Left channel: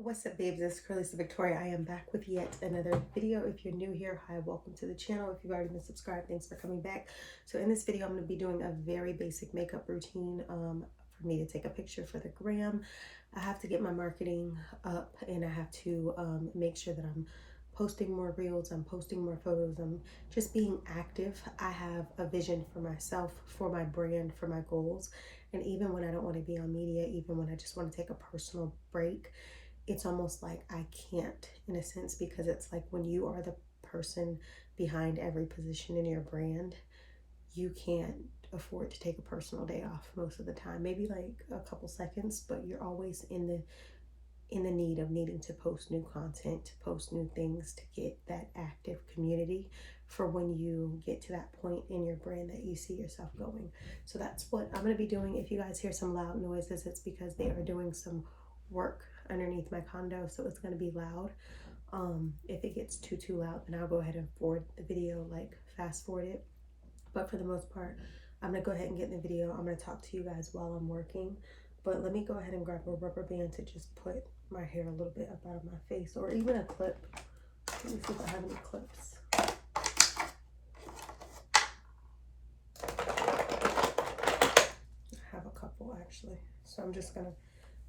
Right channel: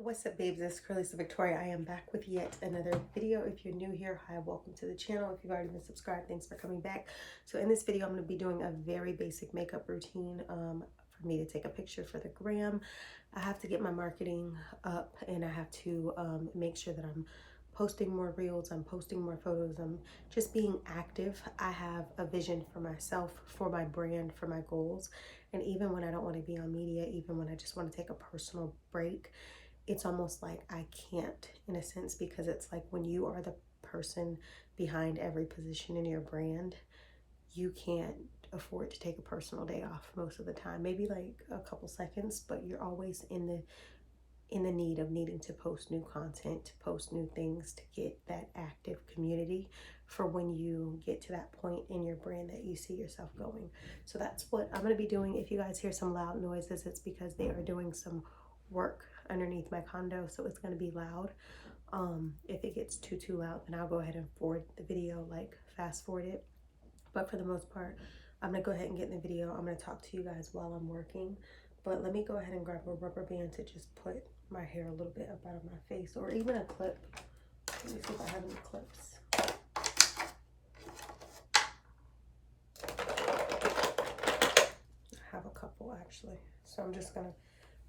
What's up, babes? This is Cralisa Victoria. I am back with yet another video. If you're new here, hi, welcome to the channel. If you've already been subscribed, thanks for coming back. So in this video, I'm going to be doing a very basic makeup routine for me to take a picture for the gram. I have to get my marketing up, and I have to make sure that I'm posting more reels, I'm posting more photos, I'm just being active. I have a vision for myself, for my brand, for my goals. And even when I don't want to be on media, even when I just want to take a personal break, it's almost like I can't, in a sense, because it's like when you are the person behind every position in your brand, you can't afford to take a personal day off most of the time. Maybe like a couple seconds, but you're always in the need of needing to post new content, to post new things, to get that active community for when you get to that point in your brand that you see yourself going. So that's what I'm going to be doing. If you guys hear some loud noises, it's because they are doing some work underneath my condo, so it's going to be loud. If it gets too loud, then I'll go ahead and forward the video, like fast forward it. But for the most part, I'm gonna go ahead and get in the video. I'm gonna talk to you guys while I'm working, but let me go ahead and grab a rubber band to just put my hair a little bit up out of my face, or even a clip. Let me see if I have any clips. I have a couple actually, so I'm just gonna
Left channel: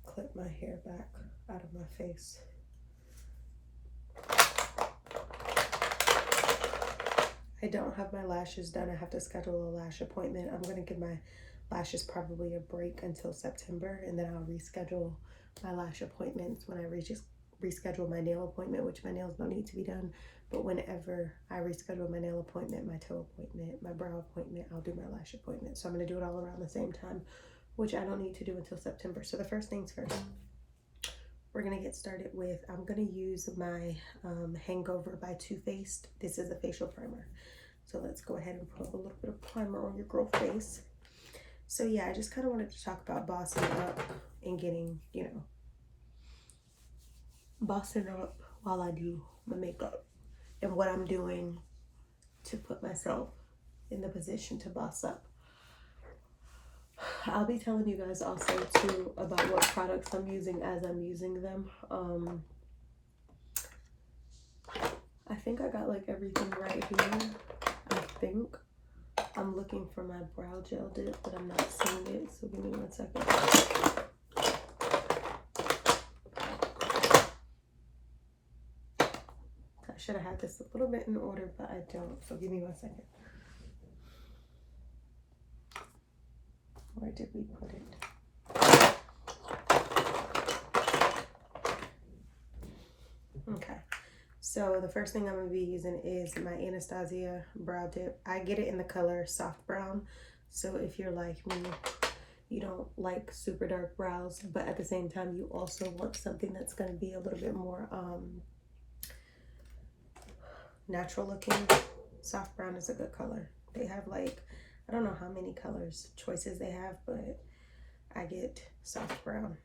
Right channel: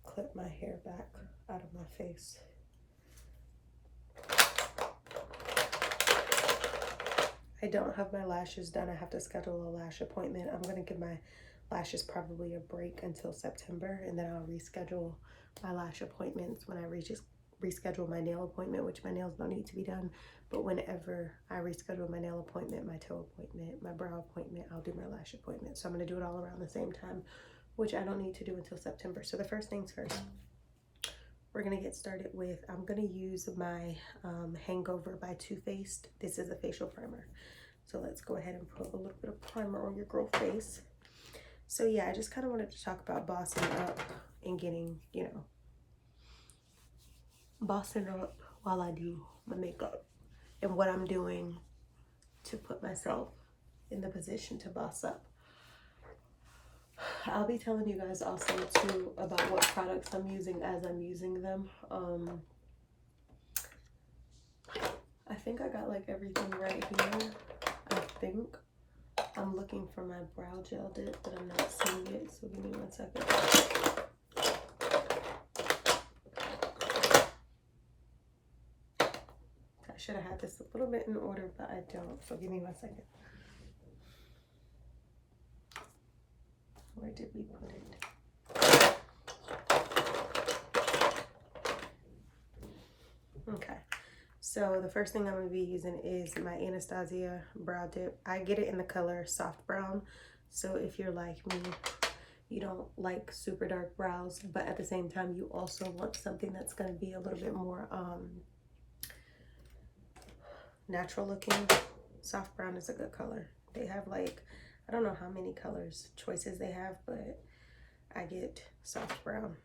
clip my hair back out of my face. I don't have my lashes done. I have to schedule a lash appointment. I'm gonna give my lashes probably a break until September, and then I'll reschedule my lash appointments when I reschedule my nail appointment, which my nails don't need to be done. But whenever I reschedule my nail appointment, my toe appointment, my brow appointment, I'll do my lash appointment. So I'm gonna do it all around the same time, which I don't need to do until September. So the first things first, we're gonna get started with, I'm gonna use my Hangover by Too Faced. This is a facial primer. So let's go ahead and put a little bit of primer on your girl face. So yeah, I just kind of wanted to talk about bossing up and getting, you know, bossing up while I do my makeup and what I'm doing to put myself in the position to boss up. I'll be telling you guys also too about what products I'm using as I'm using them. I think I got like everything right here. I think I'm looking for my brow gel dip, but I'm not seeing it, so give me 1 second. I should have had this a little bit in order, but I don't, so give me 1 second. Where did we put it? Okay. So the first thing I'm going to be using is my Anastasia brow dip. I get it in the color soft brown. So if you're like me, you don't like super dark brows, but at the same time, you also want something that's going to be a little bit more natural looking. Soft brown is a good color. They have like, I don't know how many colors choices they have, but I get soft brown.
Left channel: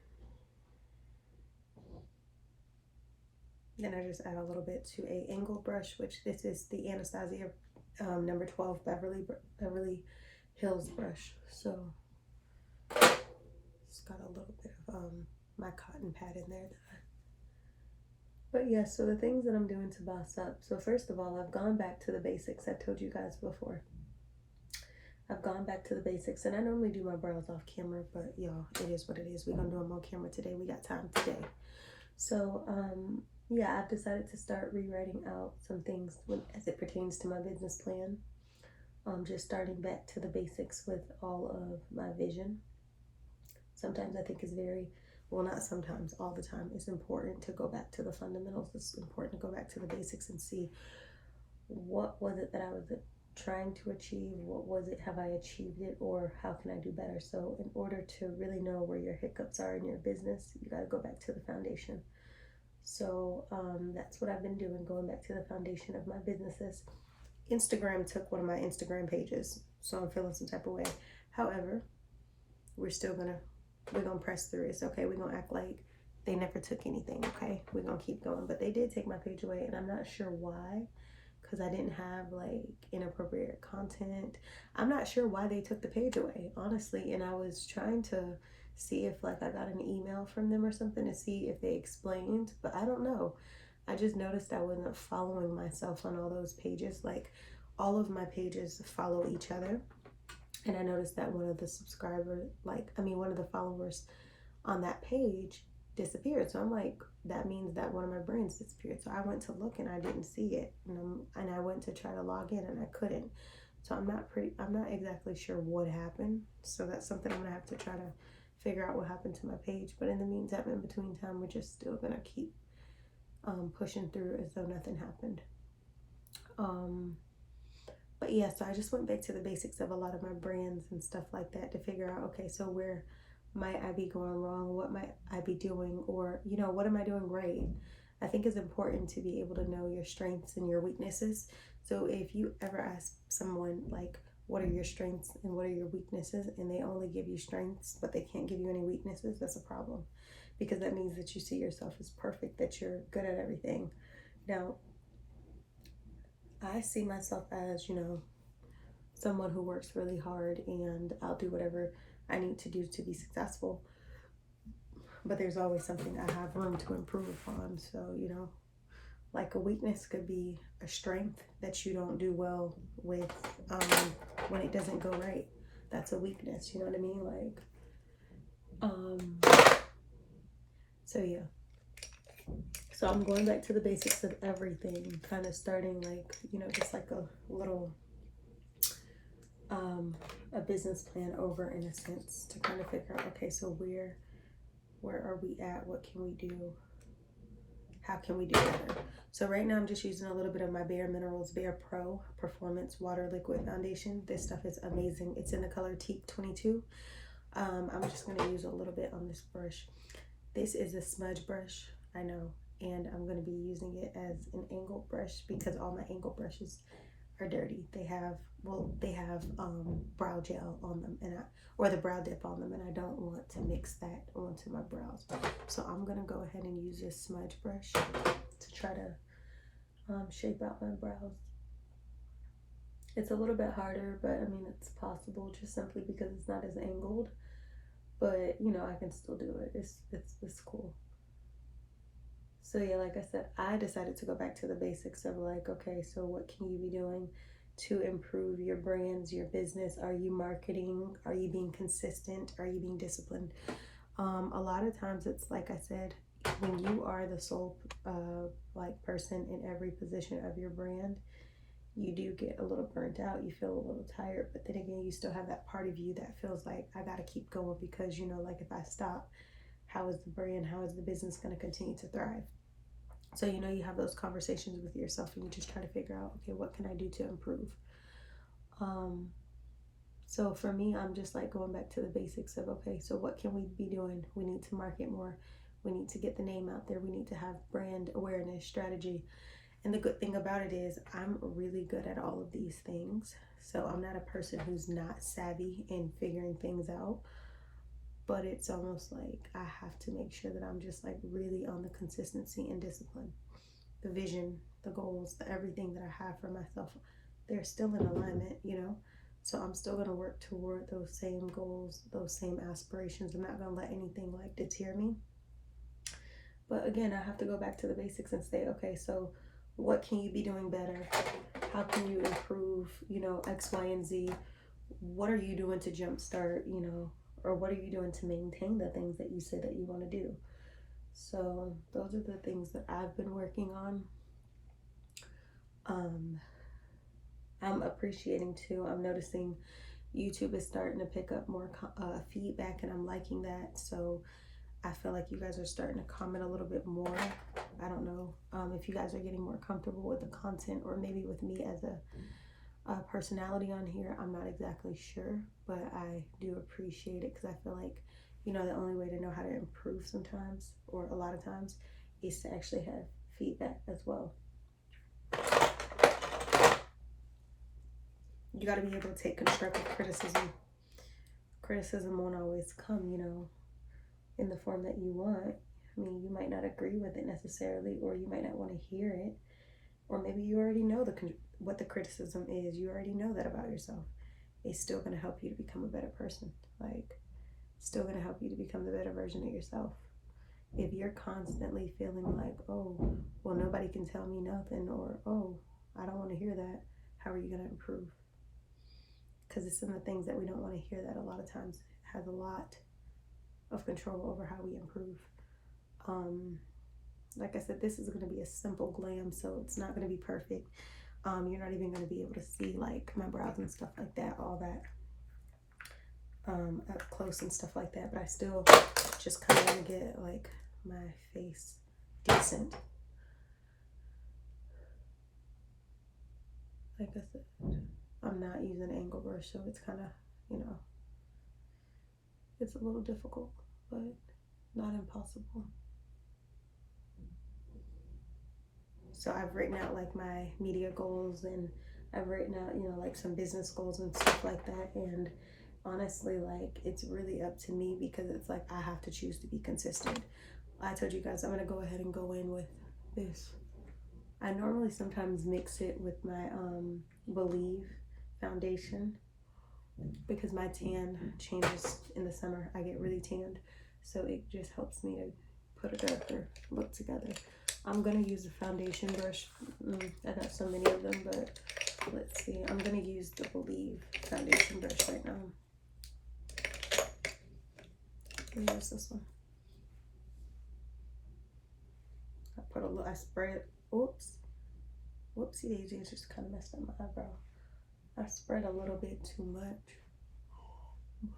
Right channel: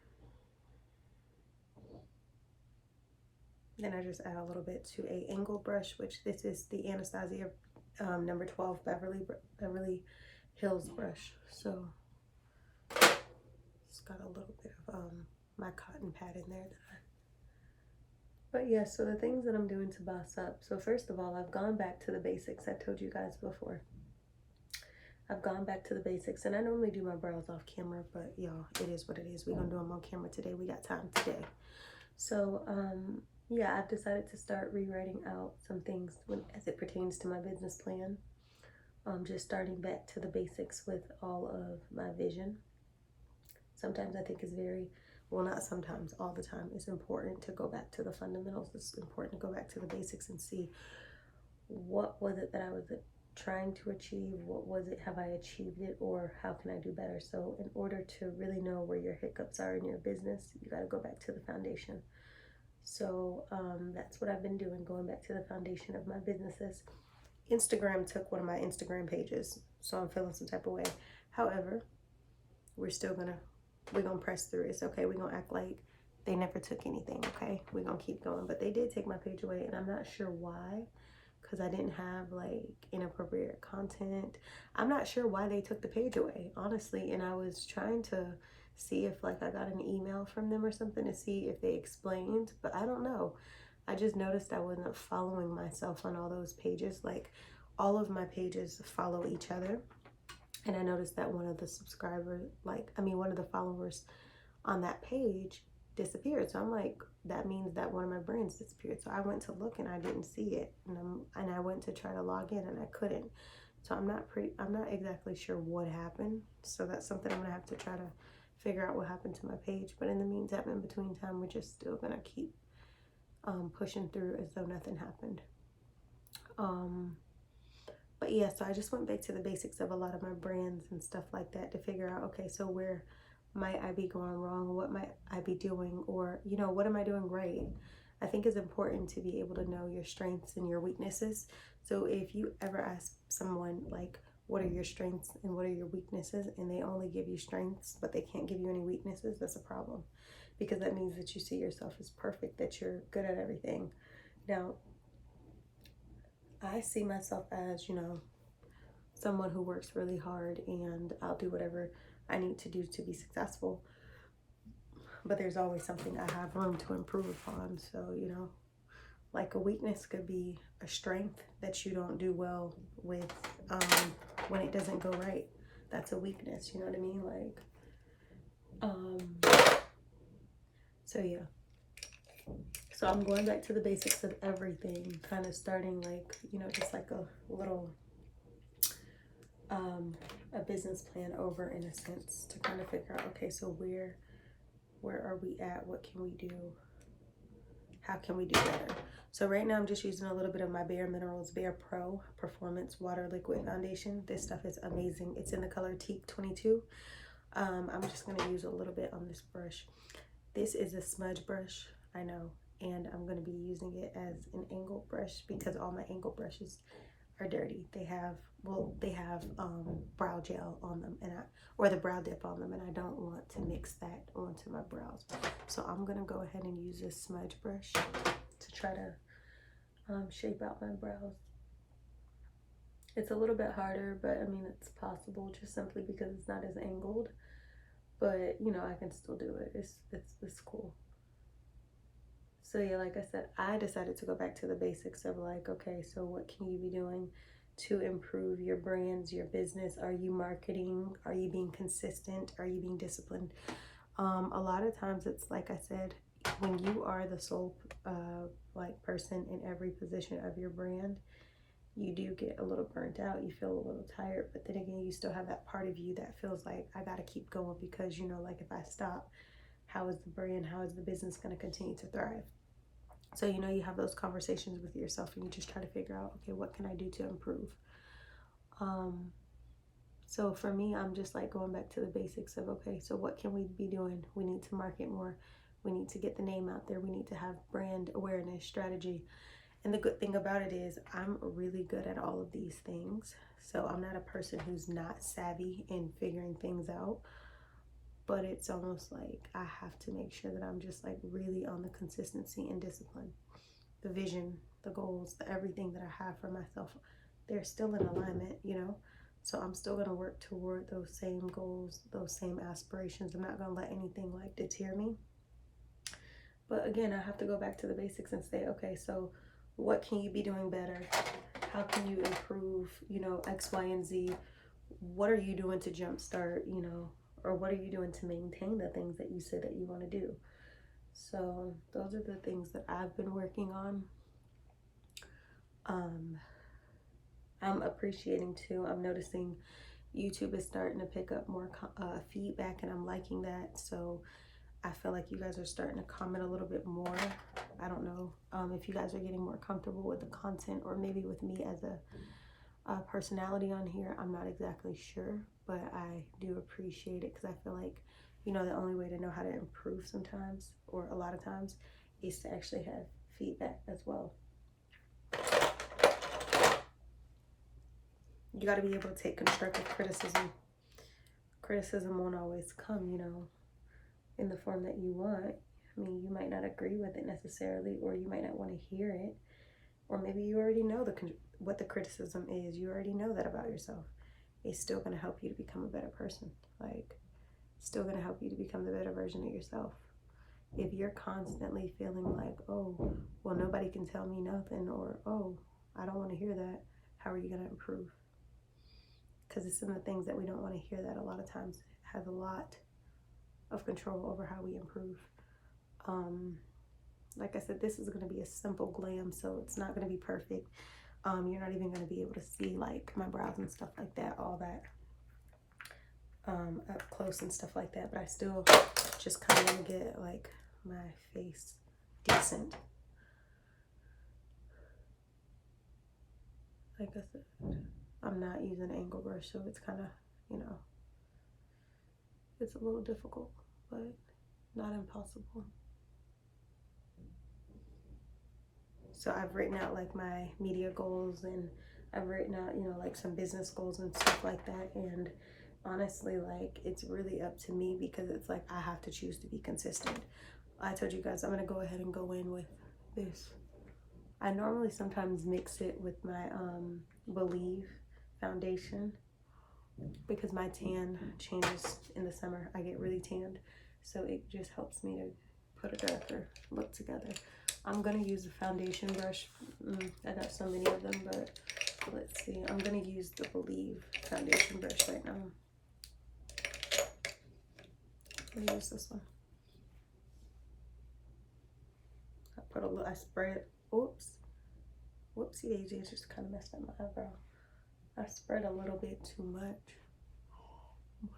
Then I just add a little bit to a angled brush, which this is the Anastasia number 12 Beverly Hills brush. So it's got a little bit of my cotton pad in there. But yeah, so the things that I'm doing to boss up. So first of all, I've gone back to the basics. I told you guys before. I've gone back to the basics, and I normally do my brows off camera, but y'all, it is what it is. We're gonna do them on camera today. We got time today. So yeah, I've decided to start rewriting out some things as it pertains to my business plan. Just starting back to the basics with all of my vision. Sometimes I think it's very, well, not sometimes, all the time, it's important to go back to the fundamentals. It's important to go back to the basics and see what was it that I was trying to achieve, what was it, have I achieved it, or how can I do better? So in order to really know where your hiccups are in your business, you got to go back to the foundation. So that's what I've been doing, going back to the foundation of my businesses. Instagram took one of my Instagram pages, so I'm feeling some type of way. However, we're gonna press through. It's okay. We're gonna act like they never took anything. Okay, we're gonna keep going. But they did take my page away, and I'm not sure why, because I didn't have like inappropriate content. I'm not sure why they took the page away, honestly. And I was trying to see if like I got an email from them or something to see if they explained, but I don't know. I just noticed I wasn't following myself on all those pages. Like all of my pages follow each other. And I noticed that one of the subscribers, one of the followers on that page disappeared. So I'm like, that means that one of my brands disappeared. So I went to look and I didn't see it. And I went to try to log in and I couldn't. So I'm not exactly sure what happened. So that's something I'm gonna have to try to figure out what happened to my page. But in the meantime, in between time, we're just still gonna keep pushing through as though nothing happened. But yeah, so I just went back to the basics of a lot of my brands and stuff like that to figure out, okay, so where might I be going wrong? What might I be doing? Or, you know, what am I doing right? I think it's important to be able to know your strengths and your weaknesses. So if you ever ask someone like, what are your strengths and what are your weaknesses, and they only give you strengths, but they can't give you any weaknesses, that's a problem. Because that means that you see yourself as perfect, that you're good at everything. Now, I see myself as, you know, someone who works really hard, and I'll do whatever I need to do to be successful. But there's always something I have room to improve upon. So, you know, like a weakness could be a strength that you don't do well with when it doesn't go right. That's a weakness, you know what I mean? Like, so yeah. So I'm going back to the basics of everything, kind of starting like, you know, just like a little a business plan over in a sense to kind of figure out, okay, so where are we at? What can we do? How can we do better? So right now I'm just using a little bit of my Bare Minerals Bare Pro Performance Water Liquid Foundation. This stuff is amazing. It's in the color Teak 22. I'm just going to use a little bit on this brush. This is a smudge brush, I know, and I'm going to be using it as an angled brush because all my angled brushes are dirty. They have brow gel on them, or the brow dip on them, and I don't want to mix that onto my brows. So I'm gonna go ahead and use this smudge brush to try to shape out my brows. It's a little bit harder, but I mean it's possible just simply because it's not as angled. But you know, I can still do it. It's cool. So yeah, like I said, I decided to go back to the basics of like, okay, so what can you be doing to improve your brands, your business? Are you marketing? Are you being consistent? Are you being disciplined? A lot of times it's like I said, when you are the sole person in every position of your brand, you do get a little burnt out. You feel a little tired, but then again, you still have that part of you that feels like I got to keep going because, you know, like if I stop, how is the brand, how is the business going to continue to thrive? So, you know, you have those conversations with yourself and you just try to figure out, okay, what can I do to improve? So for me, I'm just like going back to the basics of, okay, so what can we be doing? We need to market more. We need to get the name out there. We need to have brand awareness strategy. And the good thing about it is I'm really good at all of these things. So I'm not a person who's not savvy in figuring things out. But it's almost like I have to make sure that I'm just like really on the consistency and discipline. The vision, the goals, the everything that I have for myself, they're still in alignment, you know? So I'm still gonna work toward those same goals, those same aspirations. I'm not gonna let anything like deter me. But again, I have to go back to the basics and say, okay, so what can you be doing better? How can you improve, you know, X, Y, and Z? What are you doing to jumpstart, you know, or what are you doing to maintain the things that you say that you want to do? So those are the things that I've been working on. I'm appreciating too. I'm noticing YouTube is starting to pick up more feedback, and I'm liking that. So I feel like you guys are starting to comment a little bit more. I don't know if you guys are getting more comfortable with the content, or maybe with me as a personality on here. I'm not exactly sure, but I do appreciate it because I feel like, you know, the only way to know how to improve sometimes, or a lot of times, is to actually have feedback as well. You got to be able to take constructive criticism. Criticism won't always come, you know, in the form that you want. I mean, you might not agree with it necessarily, or you might not want to hear it, or maybe you already know what the criticism is. You already know that about yourself. It's still going to help you to become a better person. Like, still going to help you to become the better version of yourself. If you're constantly feeling like, oh, well, nobody can tell me nothing, or, oh, I don't want to hear that, how are you going to improve? Because it's some of the things that we don't want to hear that a lot of times has a lot of control over how we improve. Like I said, this is going to be a simple glam, so it's not going to be perfect. You're not even going to be able to see like my brows and stuff like that, all that up close and stuff like that, but I still just kind of want to get like my face decent. Like I said, I'm not using an angle brush, so it's kind of, you know, it's a little difficult, but not impossible. So I've written out like my media goals, and I've written out, you know, like some business goals and stuff like that. And honestly, like, it's really up to me, because it's like I have to choose to be consistent. I told you guys I'm gonna go ahead and go in with this. I normally sometimes mix it with my Believe foundation, because my tan changes in the summer. I get really tanned, so it just helps me to put a darker look together. I'm gonna use a foundation brush. I got so many of them, but let's see. I'm gonna use the Believe foundation brush right now. Let me use this one. I put a little, I spread, oops. Whoopsie daisy, just kind of messed up my eyebrow. I spread a little bit too much,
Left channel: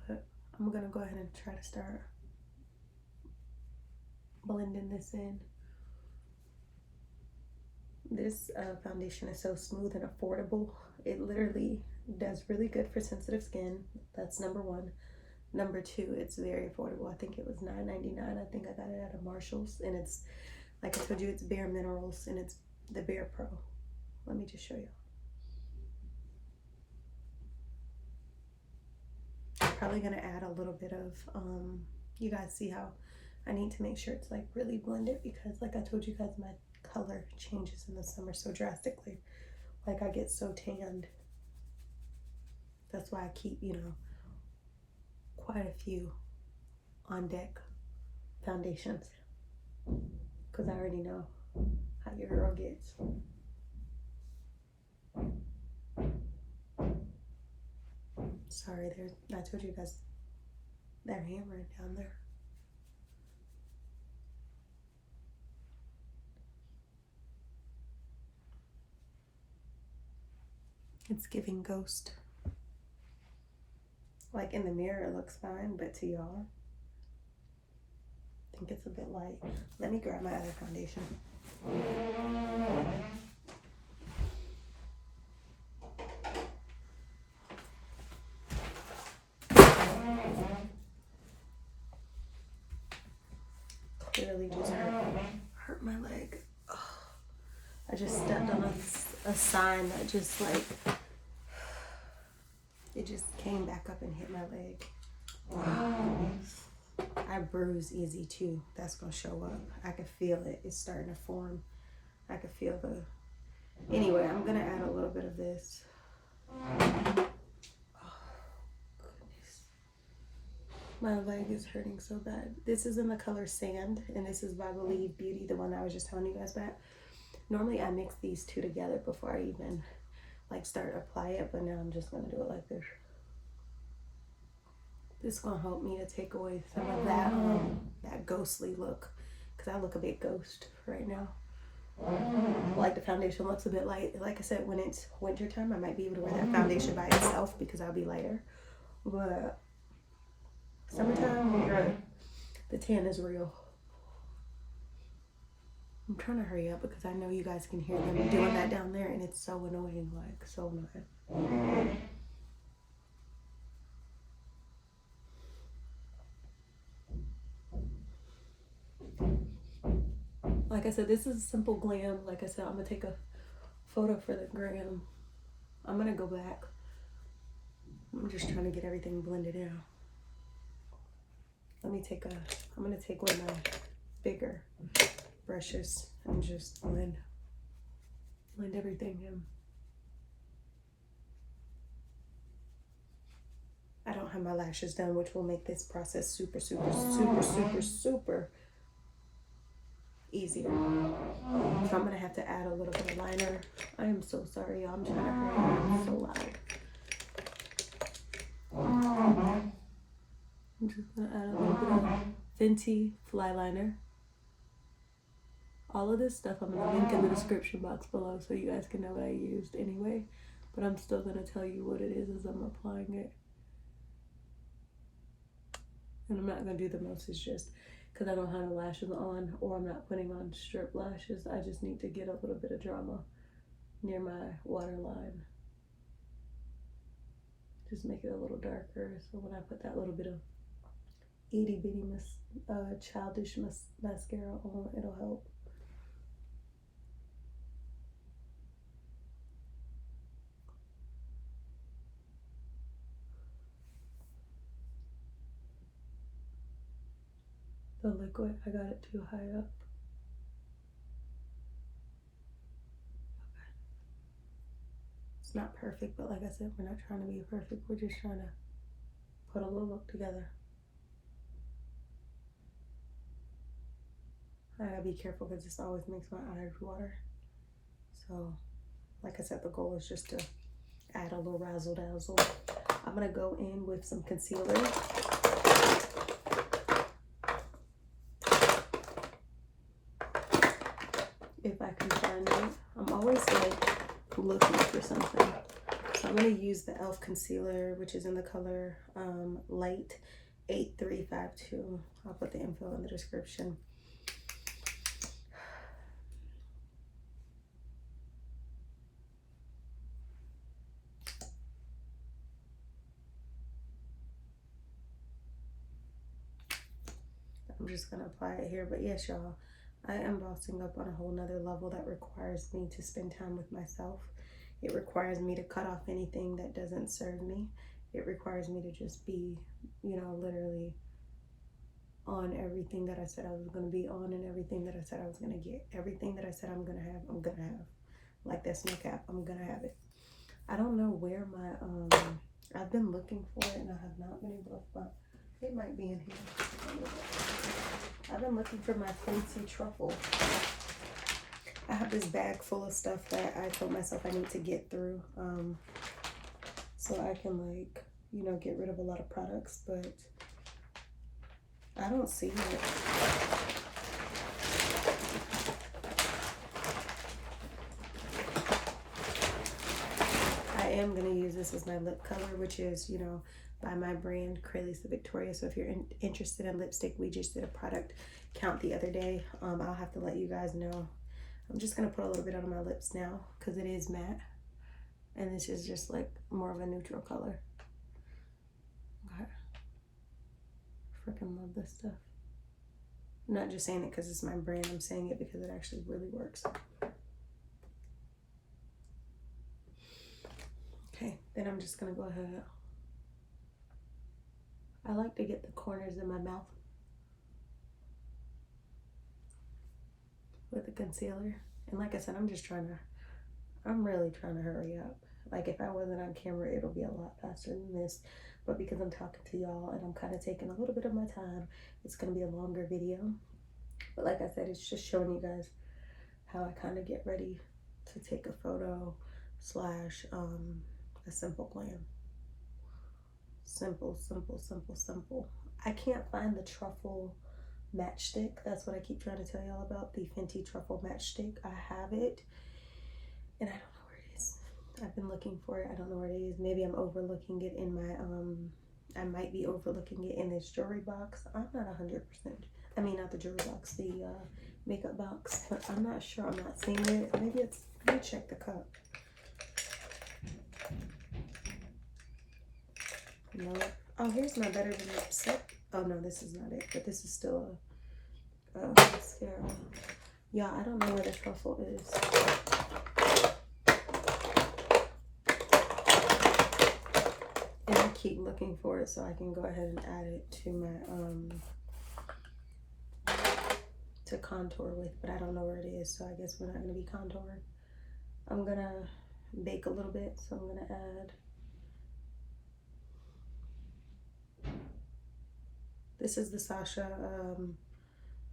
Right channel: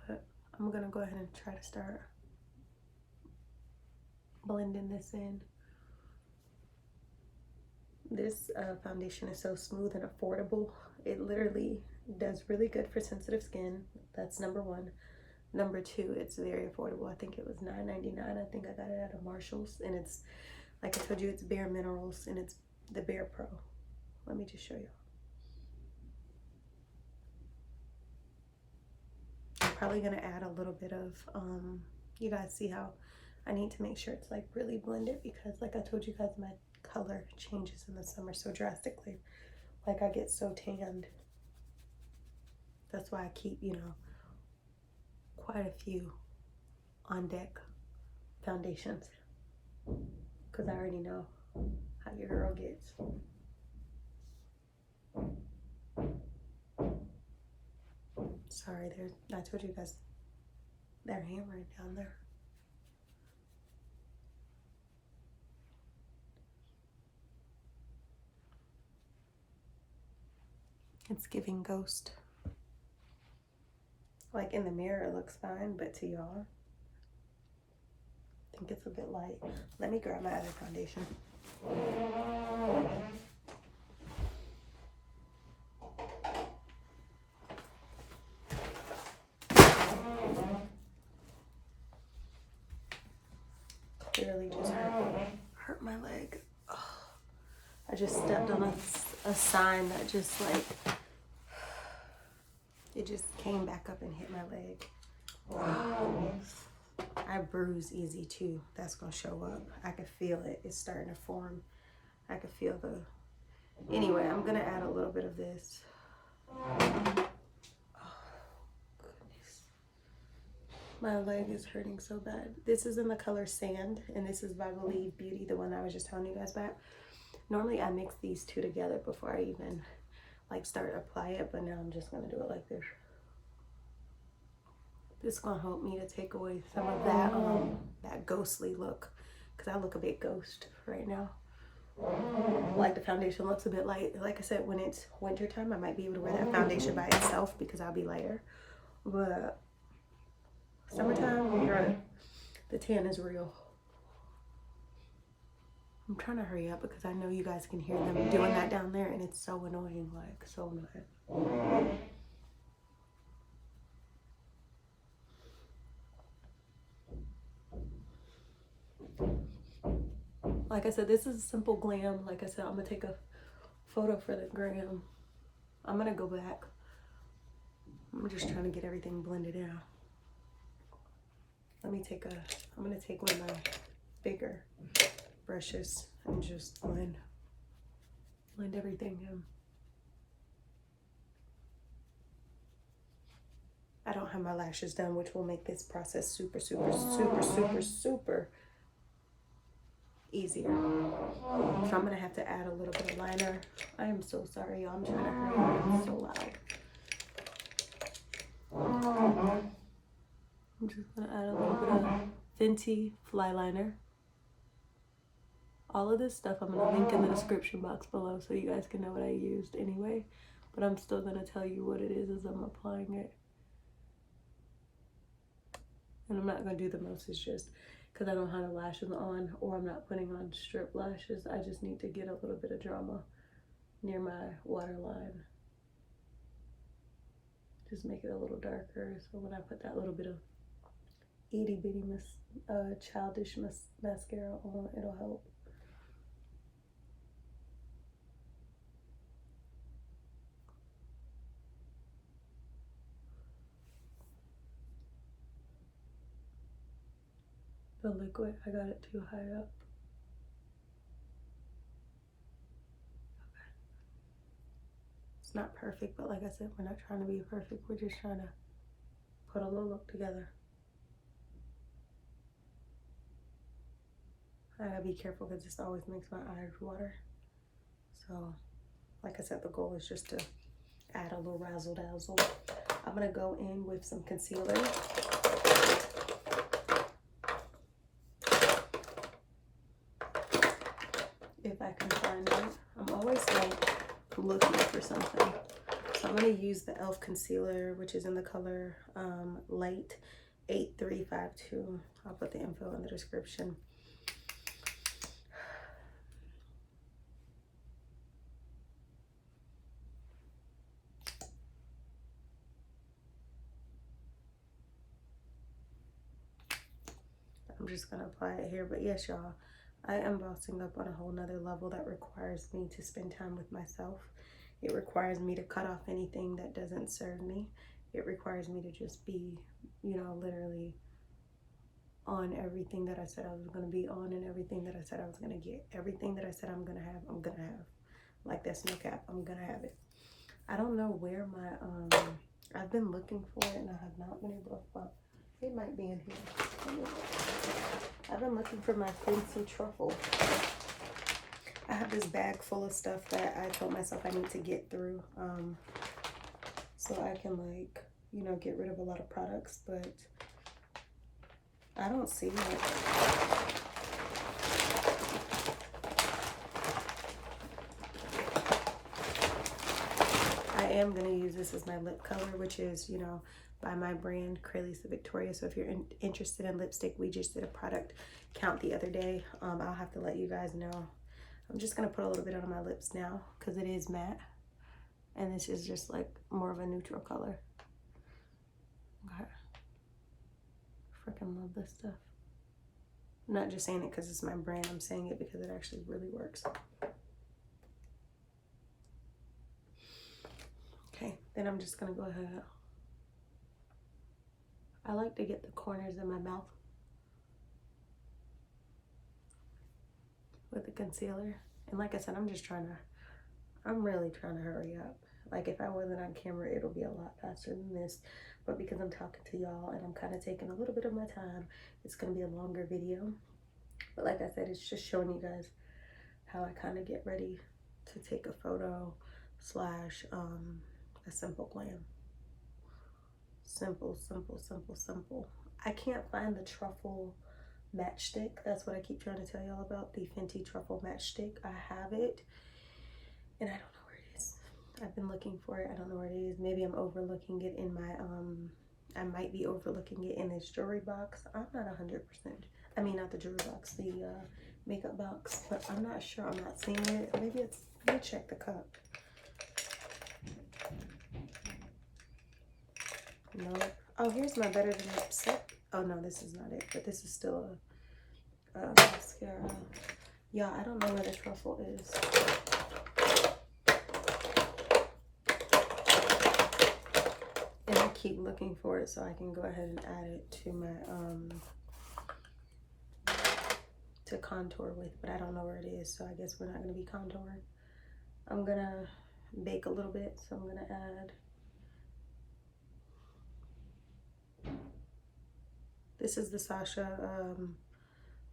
but I'm gonna go ahead and try to start blending this in. This foundation is so smooth and affordable. It literally does really good for sensitive skin. That's number one. Number two, it's very affordable. I think it was $9.99. I think I got it at a Marshall's, and it's, like I told you, it's Bare Minerals, and it's the Bare Pro. Let me just show you. I'm probably gonna add a little bit of, you guys see how I need to make sure it's like really blended, because like I told you guys, my color changes in the summer so drastically. Like, I get so tanned. That's why I keep, you know, quite a few on deck foundations, because I already know how your girl gets. Sorry, I told you guys, they're hammered down there. It's giving ghost. Like, in the mirror it looks fine, but to y'all, I think it's a bit light. Let me grab my other foundation. Clearly just hurt my leg. Ugh. I just stepped on a sign that just like, it just came back up and hit my leg. I bruise easy too. That's gonna show up. I can feel it. It's starting to form. I can feel the, anyway, I'm gonna add a little bit of this. My leg is hurting so bad. This is in the color Sand, and this is by Believe Beauty, the one I was just telling you guys about. Normally I mix these two together before I even like start to apply it, but now I'm just gonna do it like this. This is gonna help me to take away some of that that ghostly look, because I look a bit ghost right now. Like, the foundation looks a bit light. Like I said, when it's winter time, I might be able to wear that foundation by itself because I'll be lighter, but summertime, the tan is real. I'm trying to hurry up because I know you guys can hear them doing that down there, and it's so annoying, like, so annoying. Like I said, this is a simple glam. Like I said, I'm gonna take a photo for the gram. I'm gonna go back. I'm just trying to get everything blended out. I'm gonna take one of my bigger brushes and just blend everything in. I don't have my lashes done, which will make this process super, super, super, super, super easier. So I'm gonna have to add a little bit of liner. I am so sorry, y'all. I'm trying to hurry up. It's so loud. I'm just gonna add a little bit of Fenty Flyliner. All of this stuff I'm gonna link in the description box below so you guys can know what I used anyway. But I'm still gonna tell you what it is as I'm applying it. And I'm not gonna do the most, it's just because I don't have the lashes on, or I'm not putting on strip lashes. I just need to get a little bit of drama near my waterline. Just make it a little darker, so when I put that little bit of itty bitty childish mascara on, it'll help. The liquid, I got it too high up. It's not perfect, but like I said, we're not trying to be perfect. We're just trying to put a little look together. I gotta be careful because this always makes my eyes water. So, like I said, the goal is just to add a little razzle dazzle. I'm gonna go in with some concealer. If I can find it. I'm always like looking for something. So I'm gonna use the e.l.f. concealer, which is in the color Light 8352. I'll put the info in the description. I'm just gonna apply it here, but yes, y'all, I am bossing up on a whole nother level that requires me to spend time with myself. It requires me to cut off anything that doesn't serve me. It requires me to just be, you know, literally on everything that I said I was gonna be on, and everything that I said I was gonna get. Everything that I said I'm gonna have. Like that's no cap, I'm gonna have it. I don't know where my, I've been looking for it and I have not been able to find. It might be in here. I've been looking for my Fenty truffle. I have this bag full of stuff that I told myself I need to get through, so I can, like, you know, get rid of a lot of products, but I don't see it. I am going to use this as my lip color, which is, you know, by my brand Cralisa Victoria. So if you're interested in lipstick, we just did a product count the other day. I'll have to let you guys know. I'm just gonna put a little bit on my lips now because it is matte, and this is just like more of a neutral color. Okay, freaking love this stuff. I'm not just saying it because it's my brand, I'm saying it because it actually really works. Okay, then I'm just gonna go ahead. I like to get the corners in my mouth with the concealer. And like I said, I'm really trying to hurry up. Like if I wasn't on camera, it'll be a lot faster than this. But because I'm talking to y'all and I'm kind of taking a little bit of my time, it's going to be a longer video. But like I said, it's just showing you guys how I kind of get ready to take a photo slash a simple glam. Simple, simple, simple, simple. I can't find the truffle matchstick. That's what I keep trying to tell y'all about, the Fenty truffle matchstick. I have it and I don't know where it is. I've been looking for it. I don't know where it is. Maybe I'm overlooking it in my I might be overlooking it in this jewelry box. I'm not 100%. I mean, not the jewelry box, the makeup box, but I'm not sure. I'm not seeing it. Maybe it's, let me check the cup. No. Oh, here's my Better Than lipstick. Oh no, this is not it, but this is still a mascara. Yeah, I don't know where the truffle is. And I keep looking for it so I can go ahead and add it to my to contour with, but I don't know where it is, so I guess we're not gonna be contouring. I'm gonna bake a little bit, so I'm gonna add This is the Sacha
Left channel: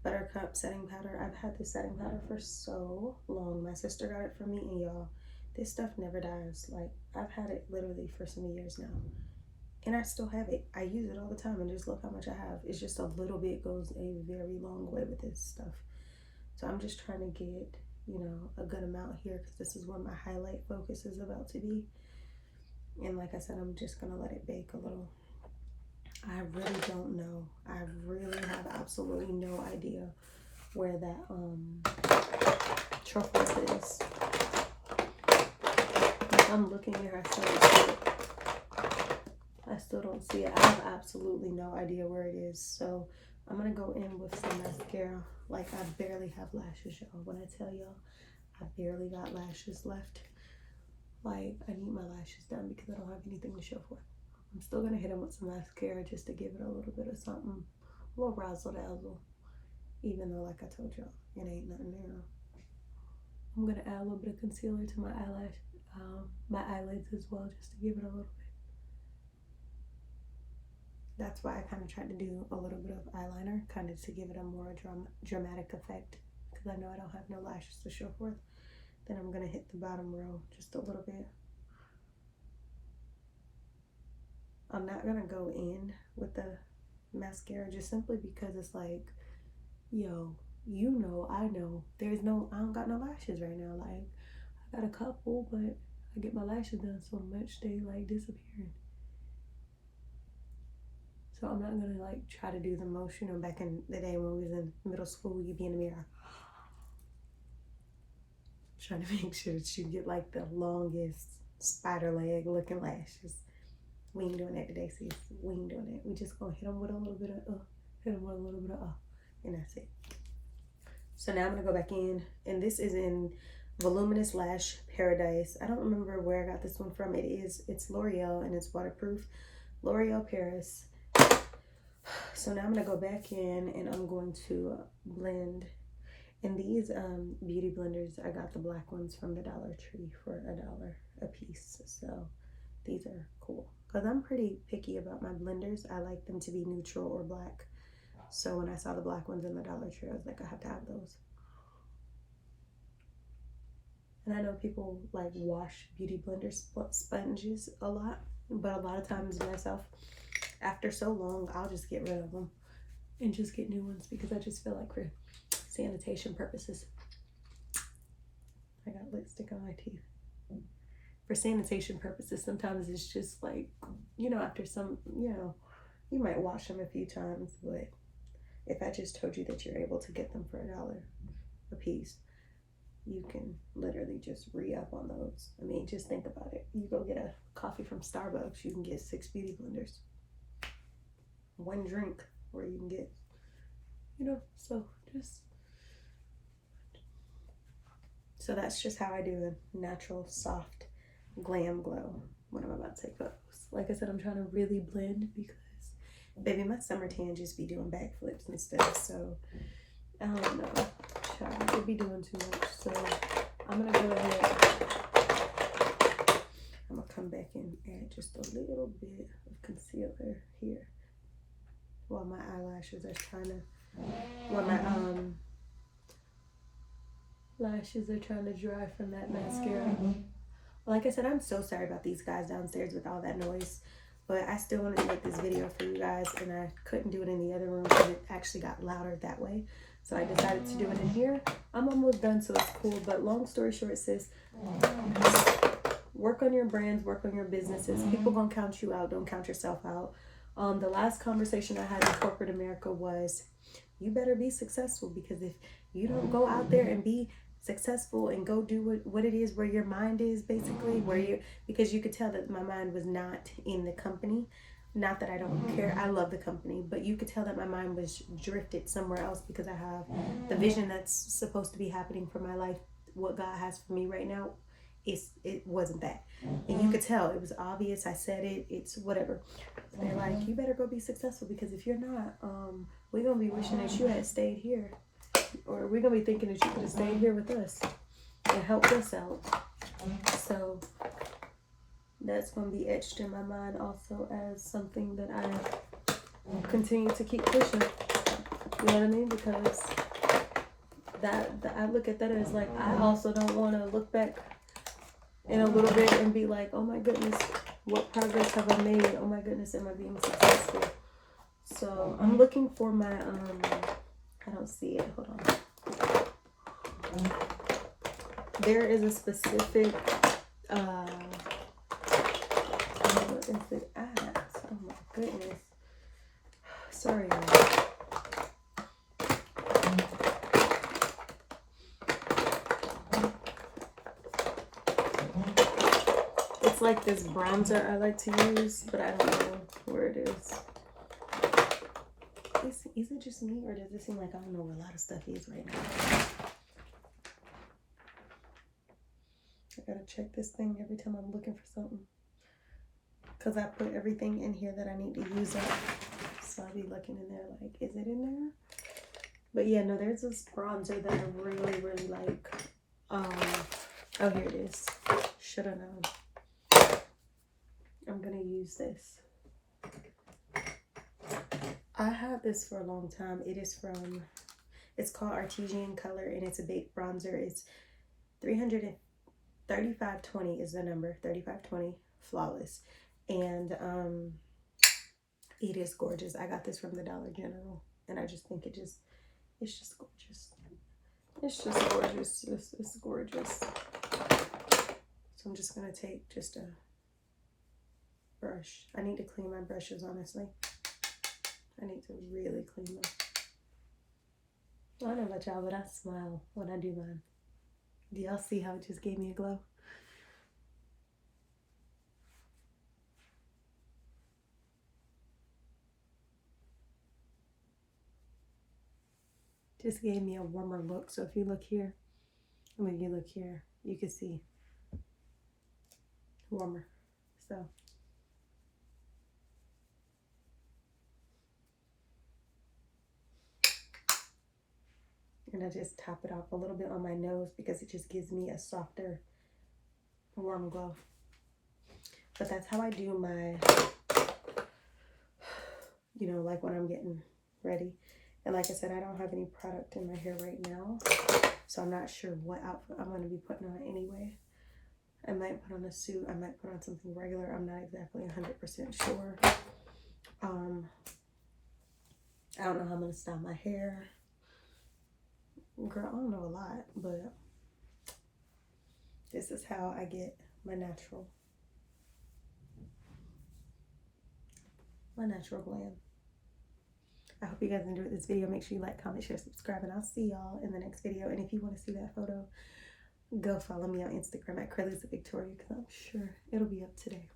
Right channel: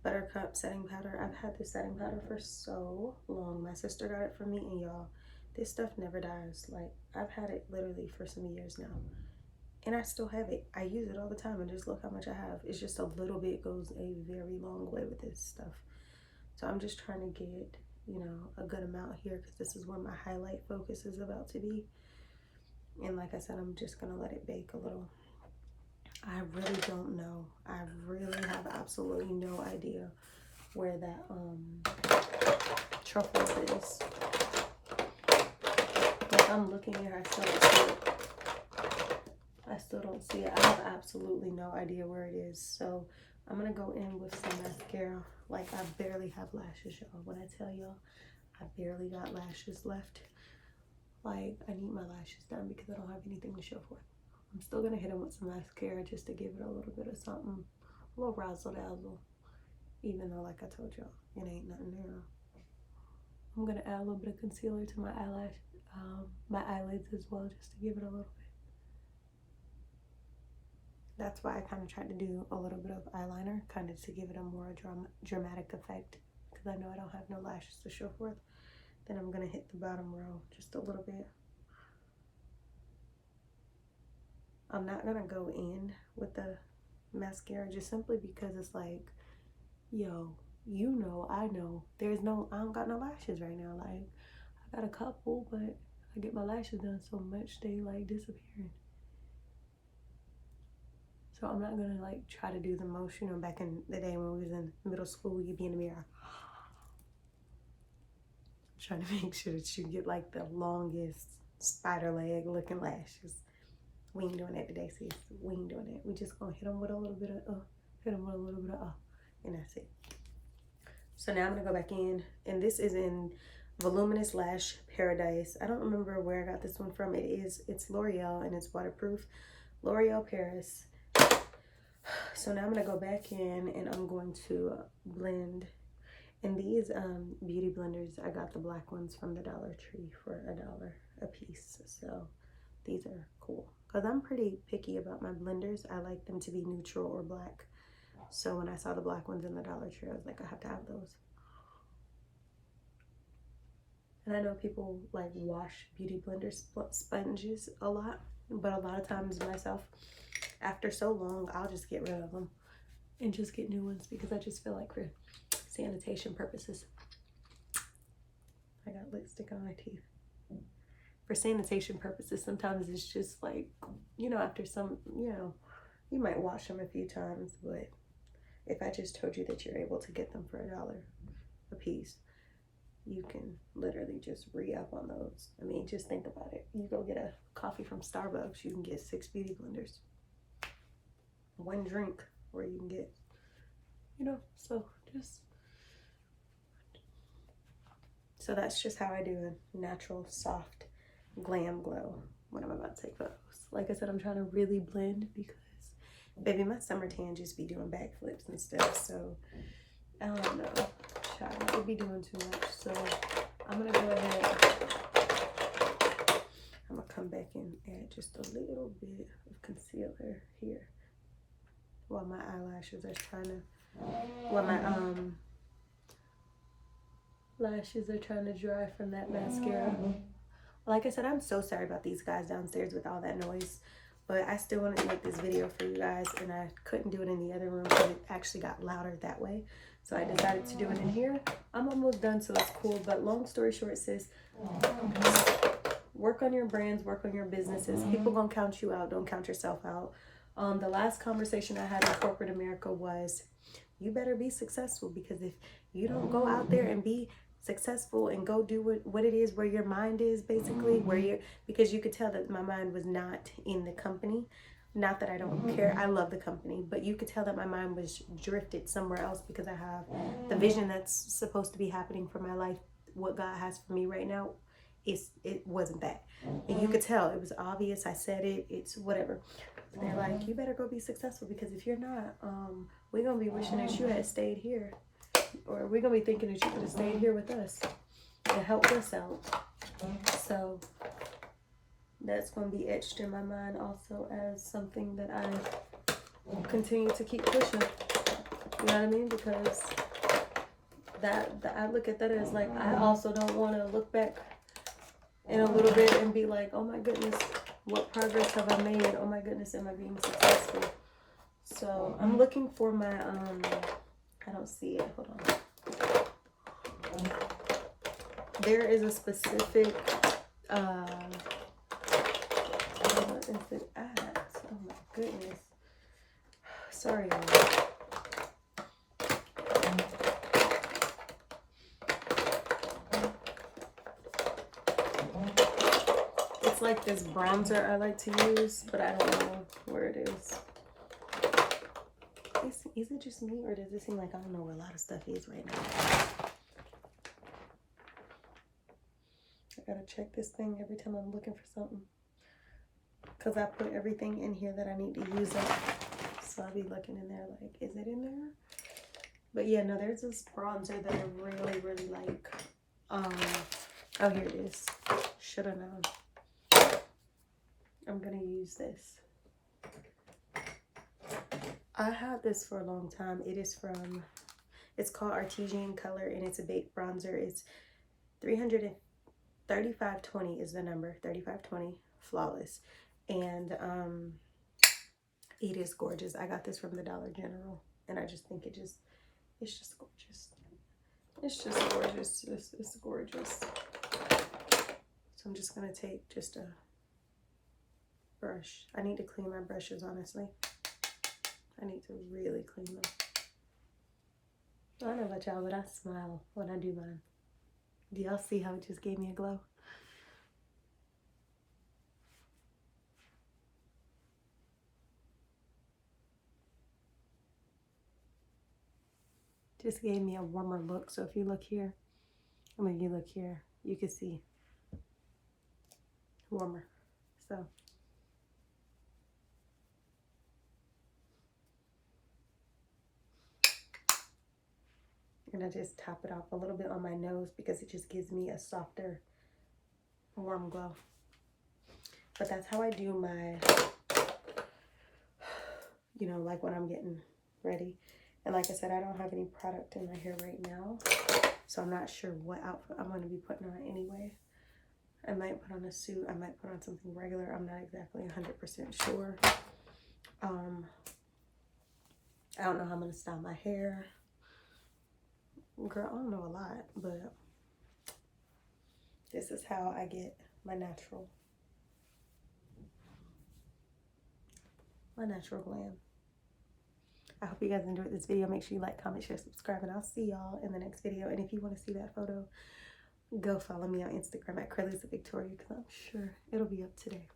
Buttercup setting powder. I've had this setting powder for so long. My sister got it for me, and y'all, this stuff never dies. Like, I've had it literally for some years now, and I still have it. I use it all the time, and just look how much I have. It's just a little bit goes a very long way with this stuff. So I'm just trying to get, you know, a good amount here, because this is where my highlight focus is about to be. And like I said, I'm just gonna let it bake a little. I really don't know. I really have absolutely no idea where that truffle is. Like, I'm looking here, I still don't see it. I still don't see it. I have absolutely no idea where it is. So I'm gonna go in with some mascara. Like, I barely have lashes, y'all. When I tell y'all, I barely got lashes left. Like, I need my lashes done because I don't have anything to show for it. I'm still gonna hit them with some mascara just to give it a little bit of something, a little razzle dazzle. Even though, like I told y'all, it ain't nothing there. I'm gonna add a little bit of concealer to my eyelash, my eyelids as well, just to give it a little bit. That's why I kind of tried to do a little bit of eyeliner, kind of to give it a more dramatic effect, because I know I don't have no lashes to show forth. Then I'm gonna hit the bottom row just a little bit. I'm not gonna go in with the mascara just simply because it's like, yo, you know, I know, I don't got no lashes right now. Like, I got a couple, but I get my lashes done so much they like disappearing. So I'm not gonna like try to do the most, you know, back in the day when we was in middle school, you'd be in the mirror trying to make sure that you get like the longest spider leg looking lashes. We ain't doing that today, sis. We ain't doing that. We just gonna hit them with a little bit of hit them with a little bit of and that's it. So now I'm gonna go back in, and this is in Voluminous Lash Paradise. I don't remember where I got this one from. It's Loreal, and it's waterproof. L'Oreal Paris. So now I'm gonna go back in, and I'm going to blend. And these beauty blenders, I got the black ones from the Dollar Tree for $1 a piece. So these are cool, because I'm pretty picky about my blenders. I like them to be neutral or black. So when I saw the black ones in the Dollar Tree, I was like, I have to have those. And I know people like wash beauty blender sponges a lot, but a lot of times myself, after so long, I'll just get rid of them and just get new ones, because I just feel like for sanitation purposes. I got lipstick on my teeth. For sanitation purposes, sometimes it's just like, you know, after some, you know, you might wash them a few times, but if I just told you that you're able to get them for $1 a piece, you can literally just re-up on those. I mean, just think about it. You go get a coffee from Starbucks, you can get 6 beauty blenders. One drink where you can get, you know, so that's just how I do a natural, soft, glam glow when I'm about to take photos. Like I said, I'm trying to really blend because, baby, my summer tan just be doing backflips and stuff. So, I don't know. Child, I could be doing too much. So, I'm going to go ahead. I'm going to come back and add just a little bit of concealer here while my eyelashes are trying to, while my lashes are trying to dry from that mascara. Like I said, I'm so sorry about these guys downstairs with all that noise, but I still wanted to make this video for you guys, and I couldn't do it in the other room because it actually got louder that way. So I decided to do it in here. I'm almost done, so it's cool. But long story short, sis, work on your brands, work on your businesses. People gonna count you out. Don't count yourself out. The last conversation I had in corporate America was, you better be successful, because if you don't go out there and be successful and go do what it is where your mind is, basically, where you're, because you could tell that my mind was not in the company. Not that I don't care, I love the company, but you could tell that my mind was drifted somewhere else, because I have the vision that's supposed to be happening for my life. What God has for me right now, it wasn't that. And you could tell, it was obvious. I said it, it's whatever. They're like, you better go be successful, because if you're not, we're gonna be wishing that you had stayed here, or we're gonna be thinking that you could have stayed here with us and helped us out. So that's gonna be etched in my mind also as something that I continue to keep pushing. You know what I mean? Because I look at that as like, I also don't want to look back in a little bit and be like, oh my goodness, what progress have I made? Oh my goodness, am I being successful? So I'm looking for my, I don't see it. Hold on. There is a specific, what is it at? Oh my goodness. Sorry, y'all. It's like this bronzer I like to use, but I don't know where it is. Is it just me, or does it seem like I don't know where a lot of stuff is right now? I gotta check this thing every time I'm looking for something, because I put everything in here that I need to use up. So I'll be looking in there like, is it in there? But yeah, no, there's this bronzer that I really, really like. Oh, here it is. Should have known. I'm gonna use this. I had this for a long time. It is from, it's called Artesian color, and it's a baked bronzer. It's 3520 is the number, 3520 flawless, and it is gorgeous. I got this from the Dollar General, and I just think it's just gorgeous. It's just gorgeous. It's gorgeous. So I'm just gonna take just a brush. I need to clean my brushes, honestly. I need to really clean them. I don't know about y'all, but I smile when I do mine. Do y'all see how it just gave me a glow? Just gave me a warmer look. So if you look here, I mean, you look here, you can see warmer. So I'm gonna just top it off a little bit on my nose because it just gives me a softer, warm glow. But that's how I do my, you know, like when I'm getting ready. And like I said, I don't have any product in my hair right now, so I'm not sure what outfit I'm going to be putting on anyway. I might put on a suit. I might put on something regular. I'm not exactly 100% sure. I don't know how I'm going to style my hair. Girl, I don't know a lot, but this is how I get my natural glam. I hope you guys enjoyed this video. Make sure you like, comment, share, subscribe, and I'll see y'all in the next video. And if you want to see that photo, go follow me on Instagram at Cralisa Victoria, because I'm sure it'll be up today.